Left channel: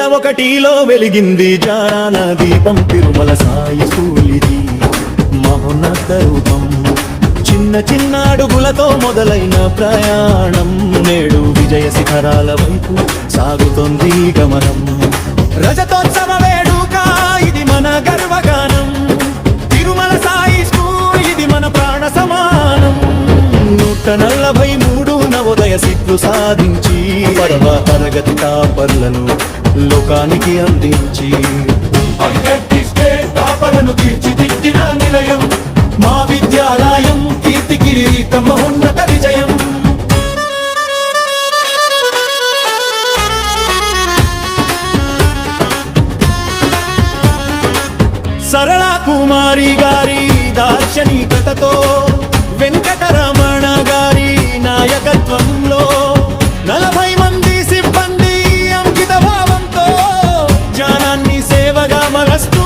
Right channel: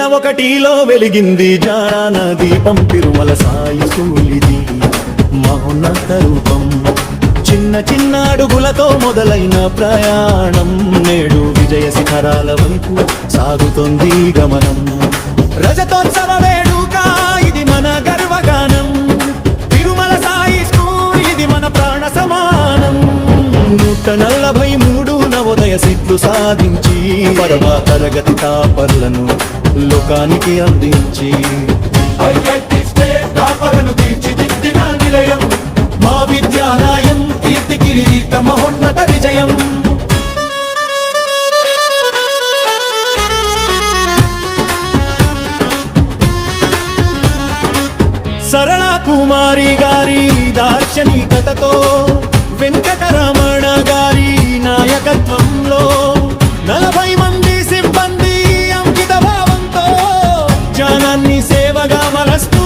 2001లో వెలిగింది జారాన దీపం తిరుమల సాయి స్కూలిది మహోన్నత రూపం. చిన్న చిన్న అడుగులతో మొదలైన ప్రయాణం నేడు విజయ శిఖరాల వైపు సాగుతోంది గమనం. రజతోత్సవ వేడుక ఇది మన గర్వగానం. తిరుమల సాయి స్కూల్ ఇది మన ప్రాణ సమానం. 143 నవోదయ సీట్లు సాధించి పరమ తరగతి టాపర్లను లోకానికి అందించి మా విద్యాలయం కీర్తి కిరీట మహోన్నత విజయం. సరళ కుమారి గారి దార్శనికతతో వెంకటరమణ గారి నాయకత్వంలో 40 మంది సిబ్బంది అంకిత భావంతో జ్ఞానాన్ని సేవగా మలస్తూ